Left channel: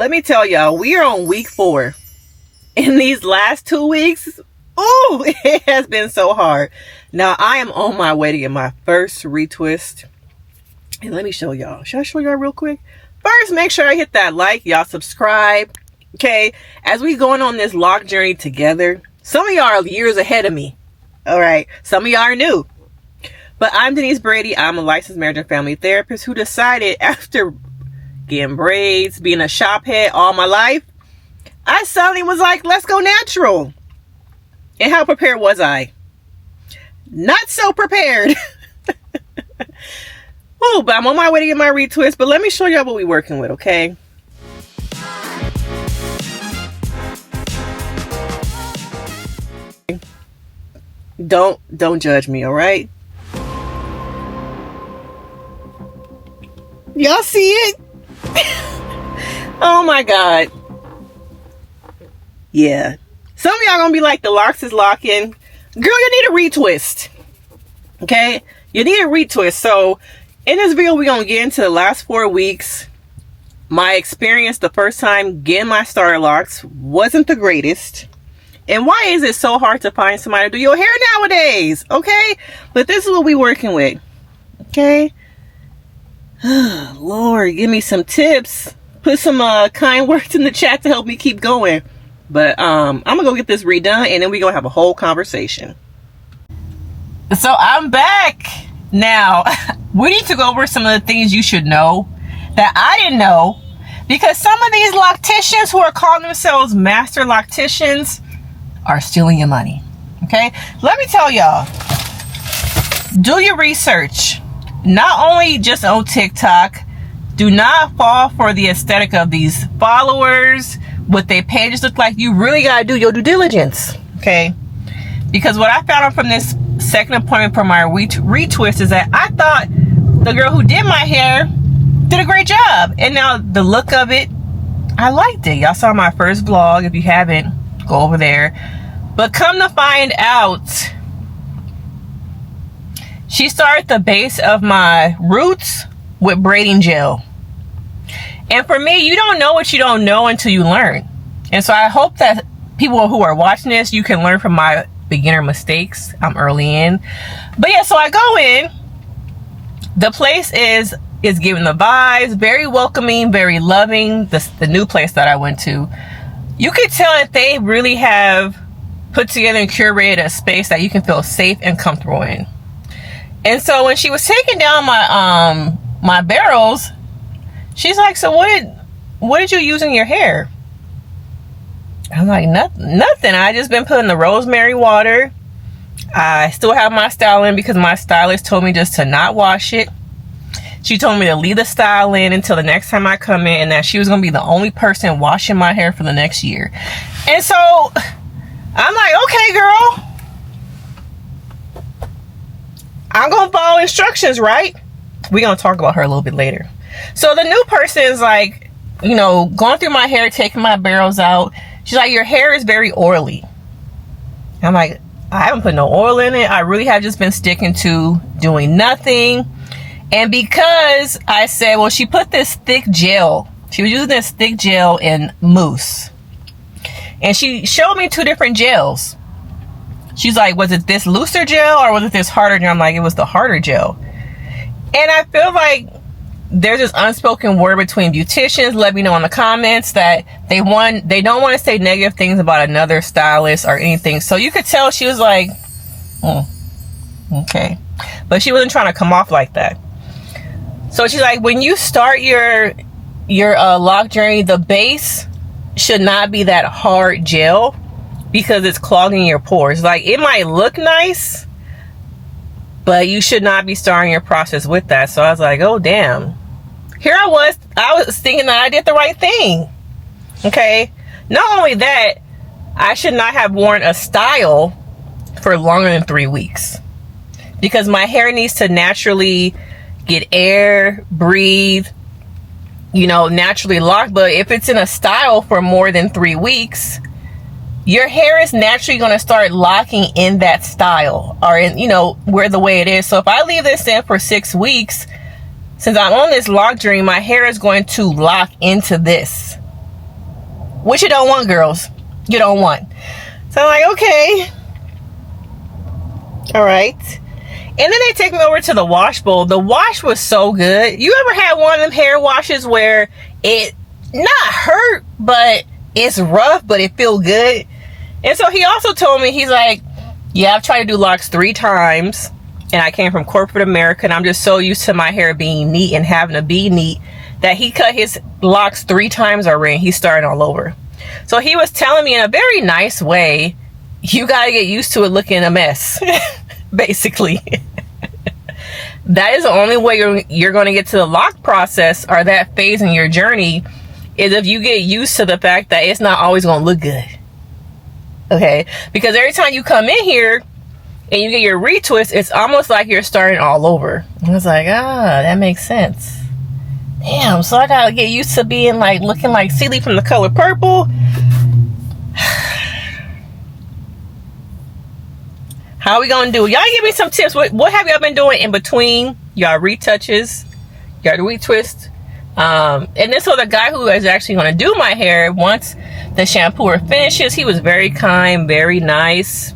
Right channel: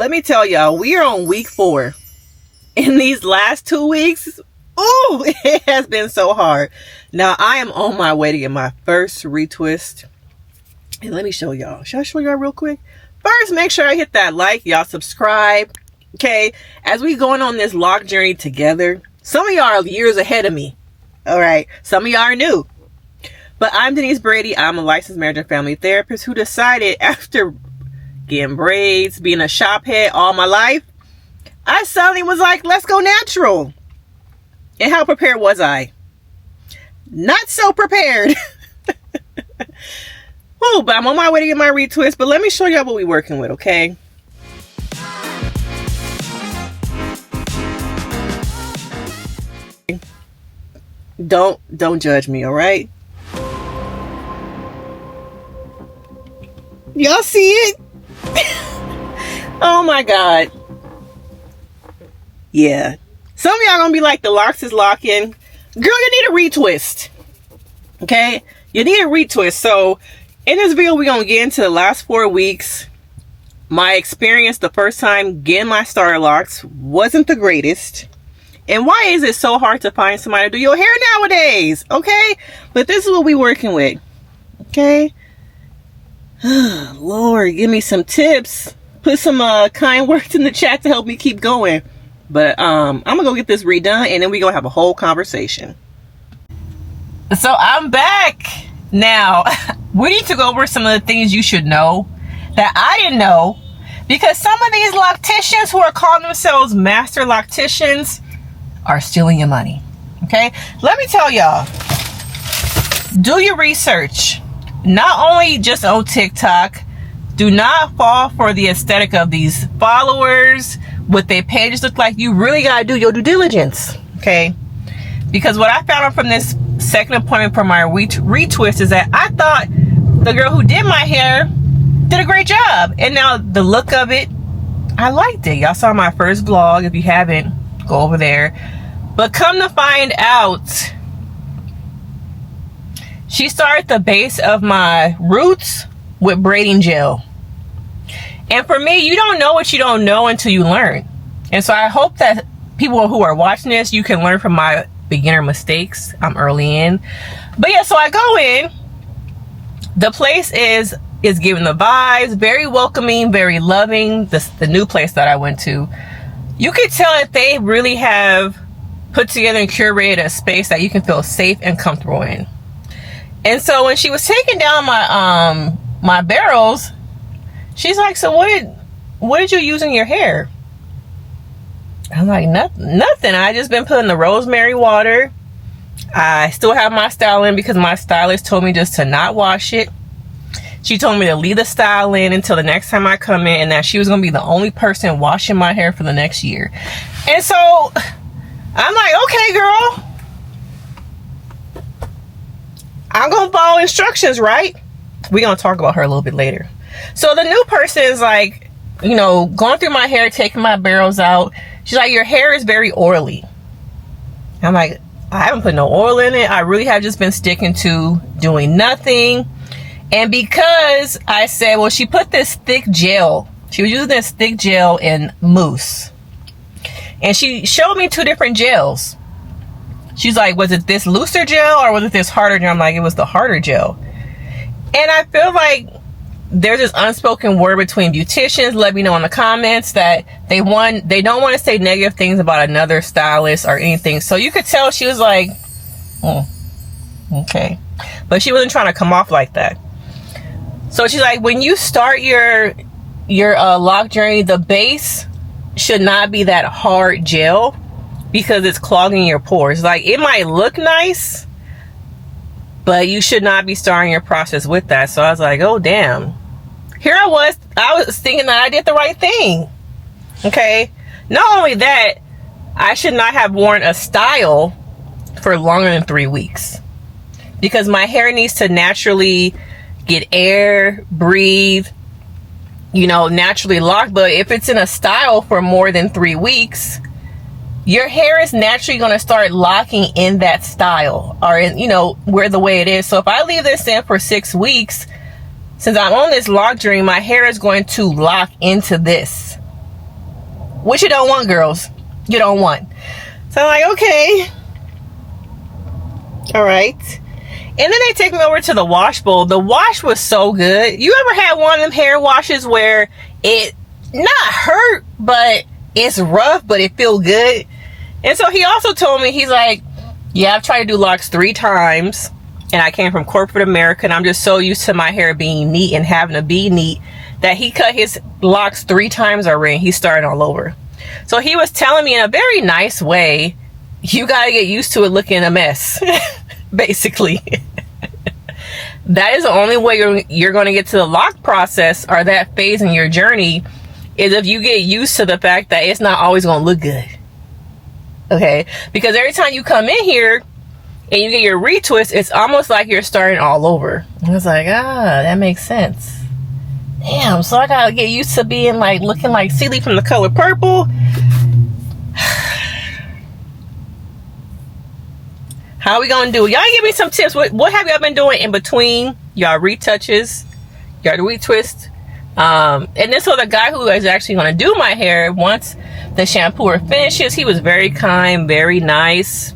let me tell y'all, we are on week 4. In these last 2 weeks, oh, it has been so hard. Now, I am on my way to get my first retwist. And let me show y'all. Should I show y'all real quick? First, make sure I hit that like. Y'all subscribe. Okay? As we going on this Loc journey together, some of y'all are years ahead of me. All right? Some of y'all are new. But I'm Denise Brady. I'm a licensed marriage and family therapist who decided after getting braids, being a shop head all my life, I suddenly was like, let's go natural. And how prepared was I? Not so prepared. Oh, but I'm on my way to get my retwist. But let me show y'all what we're working with, okay? Don't judge me, all right? Y'all see it? Oh my God. Yeah. Some of y'all gonna be like, the Locs is locking. Girl, you need a retwist. Okay? You need a retwist. So in this video, we're gonna get into the last 4 weeks. My experience the first time getting my starter locks wasn't the greatest. And why is it so hard to find somebody to do your hair nowadays? Okay? But this is what we're working with. Okay? Lord, give me some tips. Put some kind words in the chat to help me keep going. But I'm gonna go get this redone, and then we're gonna have a whole conversation. So I'm back now. We need to go over some of the things you should know that I didn't know, because some of these locticians who are calling themselves master locticians are stealing your money. Okay, let me tell y'all, do your research. Not only just on TikTok. Do not fall for the aesthetic of these followers, what their pages look like. You really gotta do your due diligence, okay? Because what I found out from this second appointment for my retwist is that I thought the girl who did my hair did a great job, and now the look of it, I liked it. Y'all saw my first vlog. If you haven't, go over there. But come to find out, she started the base of my roots with braiding gel. And for me, you don't know what you don't know until you learn. And so I hope that people who are watching this, you can learn from my beginner mistakes. I'm early in. But yeah, so I go in. The place is giving the vibes, very welcoming, very loving. The new place that I went to, you could tell that they really have put together and curated a space that you can feel safe and comfortable in. And so when she was taking down my my barrels, she's like, so what did you use in your hair? I'm like, nothing. I just been putting the rosemary water. I still have my style in because my stylist told me just to not wash it. She told me to leave the style in until the next time I come in, and that she was going to be the only person washing my hair for the next year. And so I'm like, okay, girl, I'm going to follow instructions, right? We're going to talk about her a little bit later. So the new person is like, you know, going through my hair, taking my barrels out. She's like, your hair is very oily. I'm like, I haven't put no oil in it. I really have just been sticking to doing nothing. And because I said, well, she put this thick gel. She was using this thick gel in mousse. And she showed me 2 different gels. She's like, was it this looser gel or was it this harder gel? I'm like, it was the harder gel. And I feel like there's this unspoken word between beauticians. Let me know in the comments that they don't want to say negative things about another stylist or anything. So you could tell she was like, okay. But she wasn't trying to come off like that. So she's like, when you start your Loc journey, the base should not be that hard gel because it's clogging your pores. Like, it might look nice, but you should not be starting your process with that. So I was like, oh damn. Here I was thinking that I did the right thing. Okay. Not only that, I should not have worn a style for longer than 3 weeks, because my hair needs to naturally get air, breathe, you know, naturally lock. But if it's in a style for more than 3 weeks, your hair is naturally going to start locking in that style, or in, you know, where the way it is. So if I leave this in for 6 weeks, since I'm on this Loc journey, my hair is going to lock into this. which you don't want, girls. You don't want. So I'm like, okay. All right. And then they take me over to the wash bowl. The wash was so good. You ever had one of them hair washes where it not hurt, but it's rough, but it feel good? And so he also told me, he's like, yeah, I've tried to do locks 3 times, and I came from corporate America, and I'm just so used to my hair being neat and having to be neat that he cut his locks 3 times already. He's starting all over. So he was telling me in a very nice way, you gotta get used to it looking a mess. Basically. That is the only way you're going to get to the lock process, or that phase in your journey, is if you get used to the fact that it's not always going to look good. Okay? Because every time you come in here and you get your retwist, it's almost like you're starting all over. I was like, that makes sense. Damn, so I gotta get used to being like looking like Celie from The Color Purple. How are we gonna do? Y'all give me some tips. What have y'all been doing in between y'all retouches, y'all retwist? And this was the guy who is actually gonna do my hair. Once the shampooer finishes, he was very kind, very nice.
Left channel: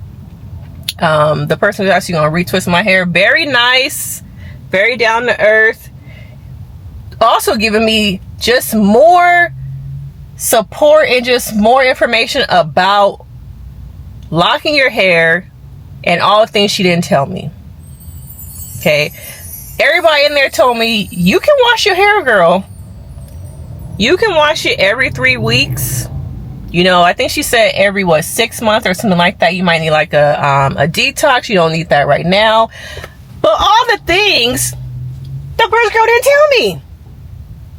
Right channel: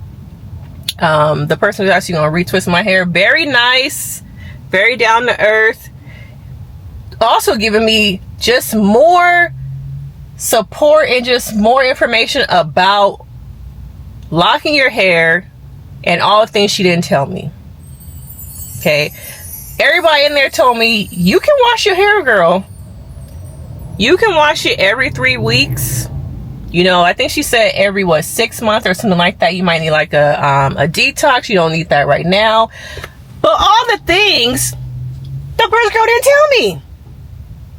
The person who's actually gonna retwist my hair, very nice, very down to earth. Also giving me just more support and just more information about locking your hair and all the things she didn't tell me. Okay, everybody in there told me, you can wash your hair, girl. You can wash it every 3 weeks. You know, I think she said every 6 months or something like that. You might need like a detox. You don't need that right now. But all the things the first girl didn't tell me.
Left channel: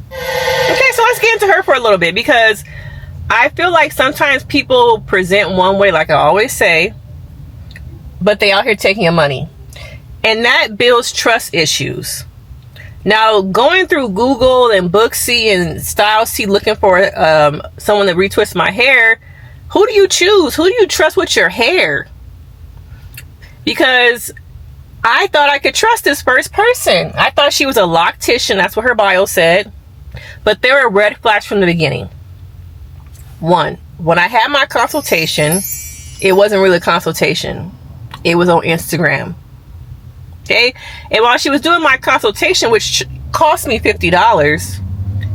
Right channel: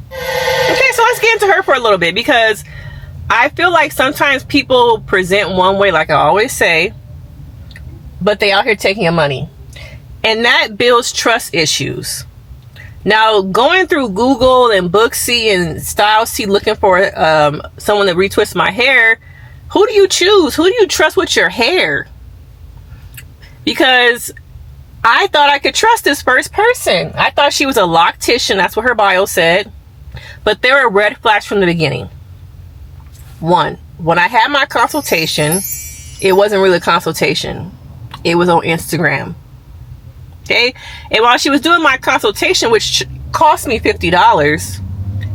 Okay, so let's get into her for a little bit, because I feel like sometimes people present one way, like I always say, but they out here taking your money, and that builds trust issues. Now, going through Google and Booksy and StyleSee looking for someone to retwist my hair, who do you choose? Who do you trust with your hair? Because I thought I could trust this first person. I thought she was a loctician. That's what her bio said. But there were red flags from the beginning. One, when I had my consultation, it wasn't really a consultation. It was on Instagram. Okay? And while she was doing my consultation, which cost me $50,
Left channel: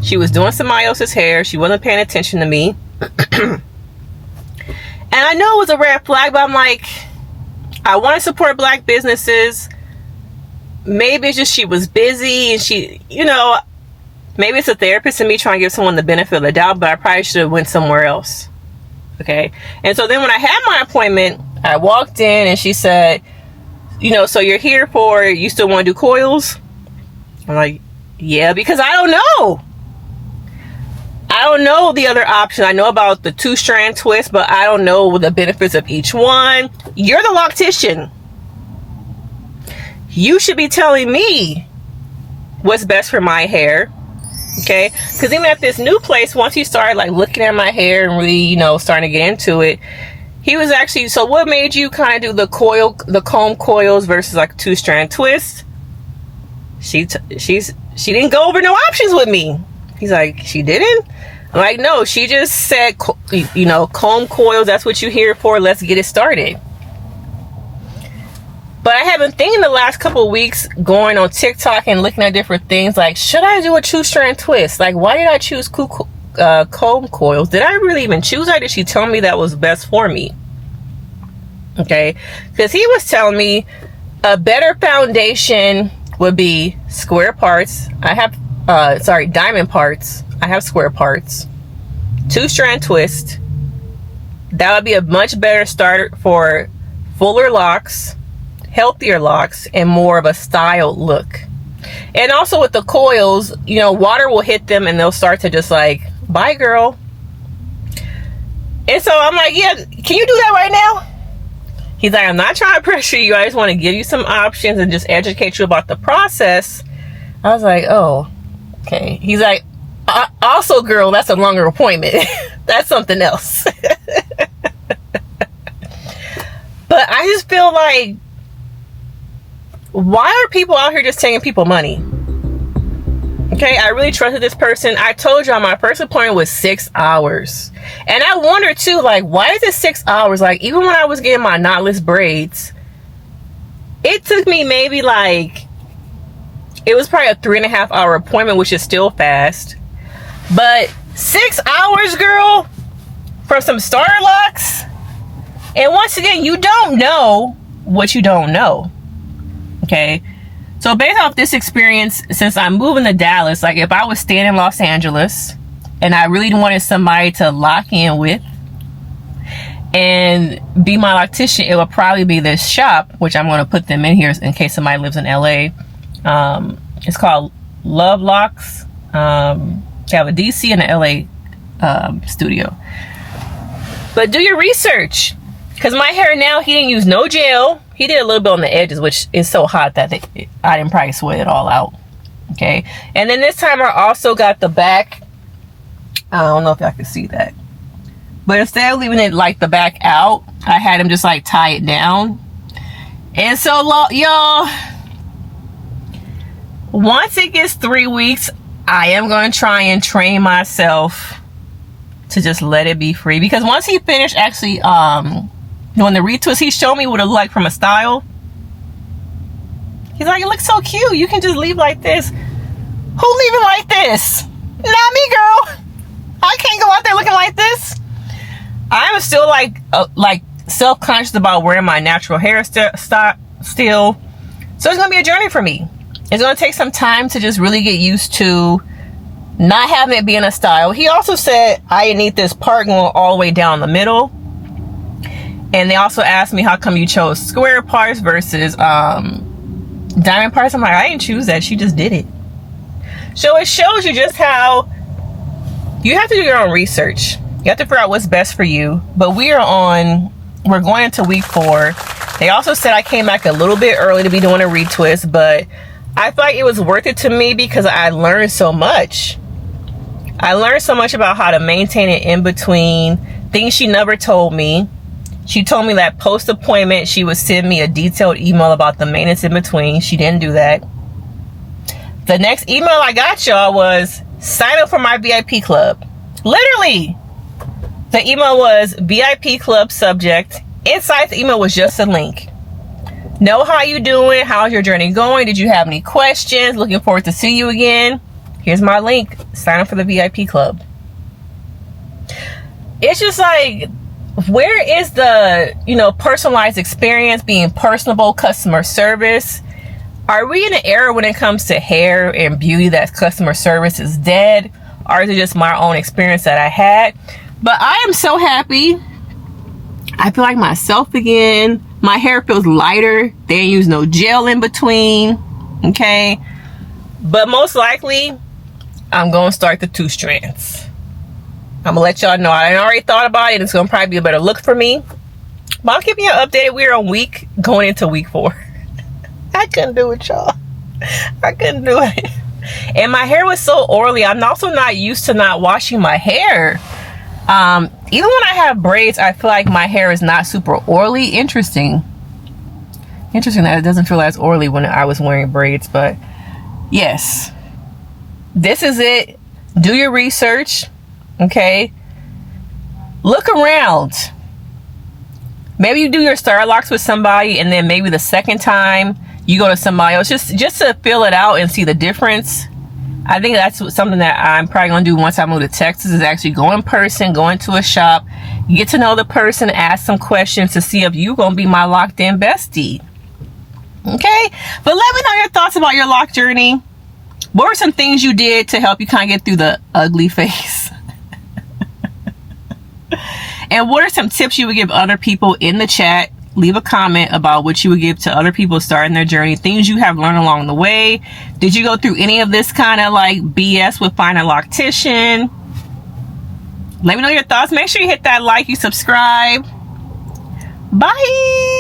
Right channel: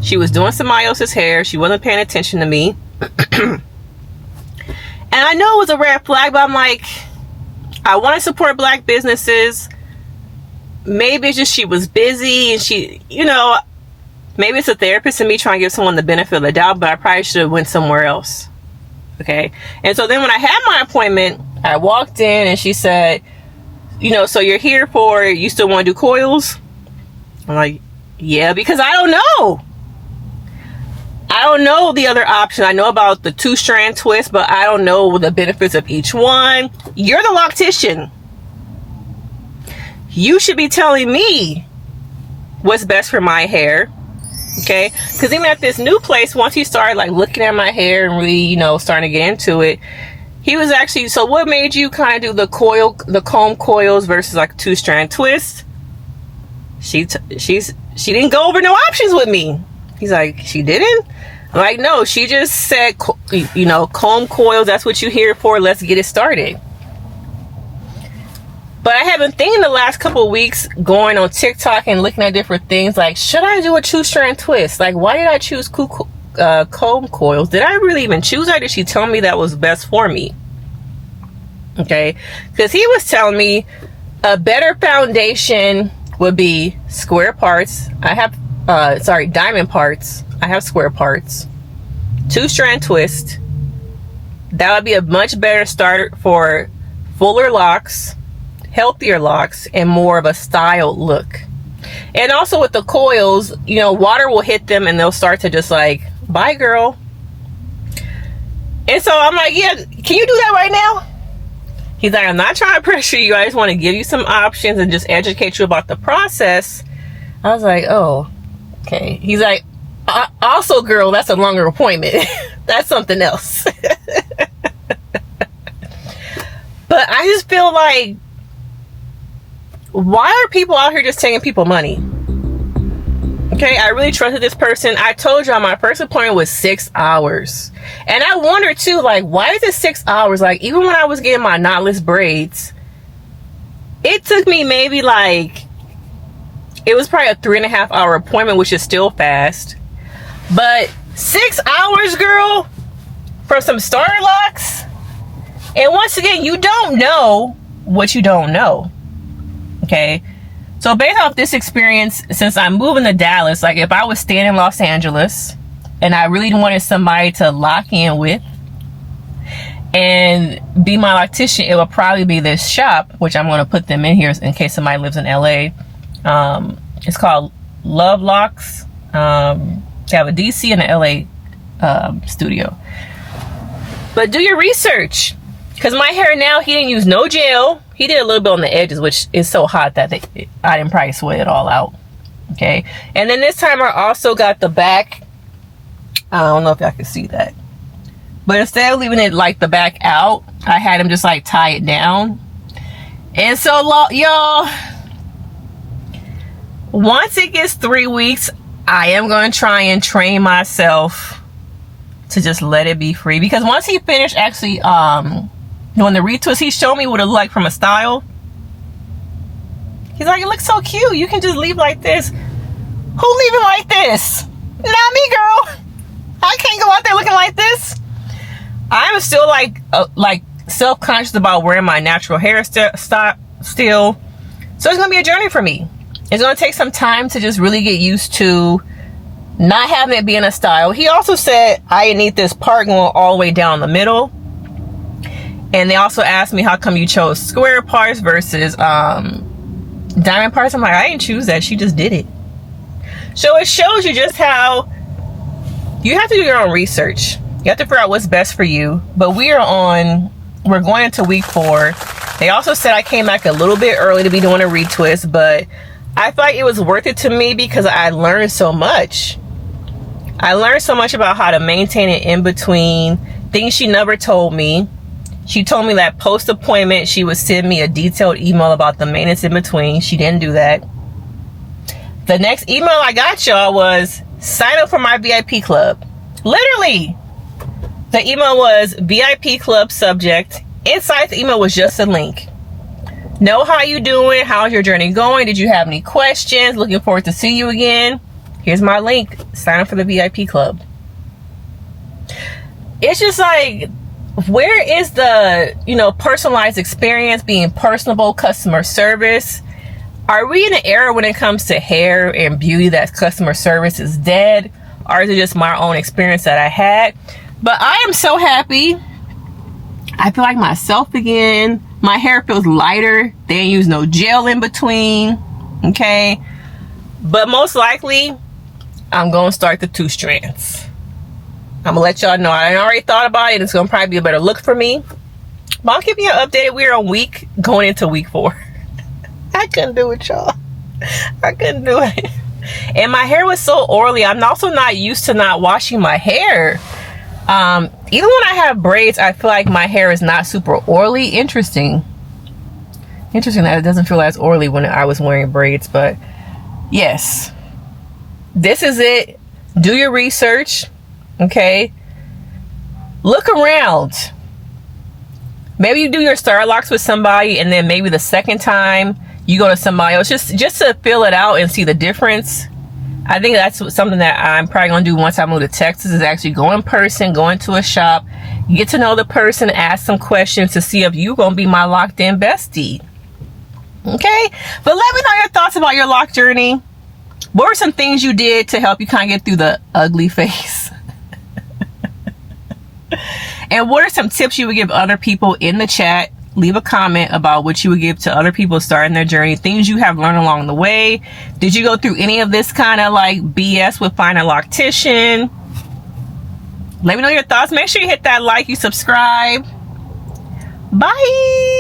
she was doing somebody else's hair. She wasn't paying attention to me. And I know it was a red flag, but I'm like, I want to support black businesses. Maybe it's just she was busy, and she, you know, maybe it's a therapist in me trying to give someone the benefit of the doubt, but I probably should have went somewhere else. Okay? And so then when I had my appointment, I walked in and she said, you know, so you're here for, you still want to do coils? I'm like, yeah, because I don't know. I don't know the other option. I know about the 2-strand twist, but I don't know the benefits of each one. You're the loctician. You should be telling me what's best for my hair. Okay? Because even at this new place, once he started like looking at my hair and really, you know, starting to get into it, he was actually, so what made you kind of do the comb coils versus like 2-strand twist? She didn't go over no options with me. He's like, she didn't? I'm like, no, she just said, you know, comb coils, that's what you're here for. Let's get it started. But I have been thinking the last couple of weeks, going on TikTok and looking at different things, like, should I do a 2-strand twist? Like, why did I choose comb coils? Did I really even choose that? Did she tell me that was best for me? Okay, because he was telling me a better foundation would be square parts. I have diamond parts. I have square parts. 2-strand twist. That would be a much better starter for fuller locks, healthier locks, and more of a styled look. And also with the coils, you know, water will hit them and they'll start to just like, bye girl. And so I'm like, yeah, can you do that right now? He's like, I'm not trying to pressure you. I just want to give you some options and just educate you about the process. I was like, oh, okay. He's like, also girl, that's a longer appointment. That's something else. But I just feel like, why are people out here just taking people money? Okay, I really trusted this person. I told y'all my first appointment was 6 hours. And I wondered too, like, why is it 6 hours? Like, even when I was getting my knotless braids, it took me maybe like, it was probably a 3.5 hour appointment, which is still fast. But 6 hours, girl, for some starter locks. And once again, you don't know what you don't know. Okay. So based off this experience, since I'm moving to Dallas, like if I was staying in Los Angeles and I really wanted somebody to lock in with and be my loctician, it would probably be this shop, which I'm going to put them in here in case somebody lives in LA. It's called Locs. They have a DC and an LA studio. But do your research, because my hair now, he didn't use no gel. He did a little bit on the edges, which is so hot that I didn't probably sweat it all out. Okay. And then this time I also got the back. I don't know if y'all can see that. But instead of leaving it like the back out, I had him just like tie it down. And so, y'all, once it gets 3 weeks, I am going to try and train myself to just let it be free. Because once he finished actually, doing the retwist, he showed me what it looked like from a style. He's like, it looks so cute. You can just leave like this. Who leaving like this? Not me, girl. I can't go out there looking like this. I'm still like self-conscious about wearing my natural hair still. So it's gonna be a journey for me. It's gonna take some time to just really get used to not having it being a style. He also said I need this part going all the way down the middle. And they also asked me, how come you chose square parts versus diamond parts? I'm like, I didn't choose that. She just did it. So it shows you just how you have to do your own research. You have to figure out what's best for you. But we're going into week 4. They also said I came back a little bit early to be doing a retwist, but I feel like it was worth it to me because I learned so much. I learned so much about how to maintain it in between, things she never told me. She told me that post-appointment, she would send me a detailed email about the maintenance in between. She didn't do that. The next email I got, y'all, was sign up for my VIP club. Literally. The email was VIP club subject. Inside the email was just a link. Know how you doing? How's your journey going? Did you have any questions? Looking forward to seeing you again. Here's my link. Sign up for the VIP club. It's just like, where is the, personalized experience, being personable, customer service? Are we in an era when it comes to hair and beauty that customer service is dead? Or is it just my own experience that I had? But I am so happy. I feel like myself again. My hair feels lighter. They didn't use no gel in between. Okay. But most likely, I'm going to start the 2 strands. I'm gonna let y'all know. I already thought about it. It's gonna probably be a better look for me. But I'll keep you updated. We're going into week 4. I couldn't do it, y'all. I couldn't do it. And my hair was so oily. I'm also not used to not washing my hair. Even when I have braids, I feel like my hair is not super oily. Interesting that it doesn't feel as oily when I was wearing braids. But yes, this is it. Do your research. Okay, look around. Maybe you do your star locks with somebody, and then maybe the second time you go to somebody else, just to feel it out and see the difference. I think that's something that I'm probably gonna do once I move to Texas, is actually go in person, go into a shop, get to know the person, ask some questions to see if you're gonna be my locked in bestie. Okay, but let me know your thoughts about your lock journey. What were some things you did to help you kind of get through the ugly phase? And what are some tips you would give other people in the chat? Leave a comment about what you would give to other people starting their journey, things you have learned along the way. Did you go through any of this kind of like BS with finding a loctician? Let me know your thoughts. Make sure you hit that like, you subscribe. Bye.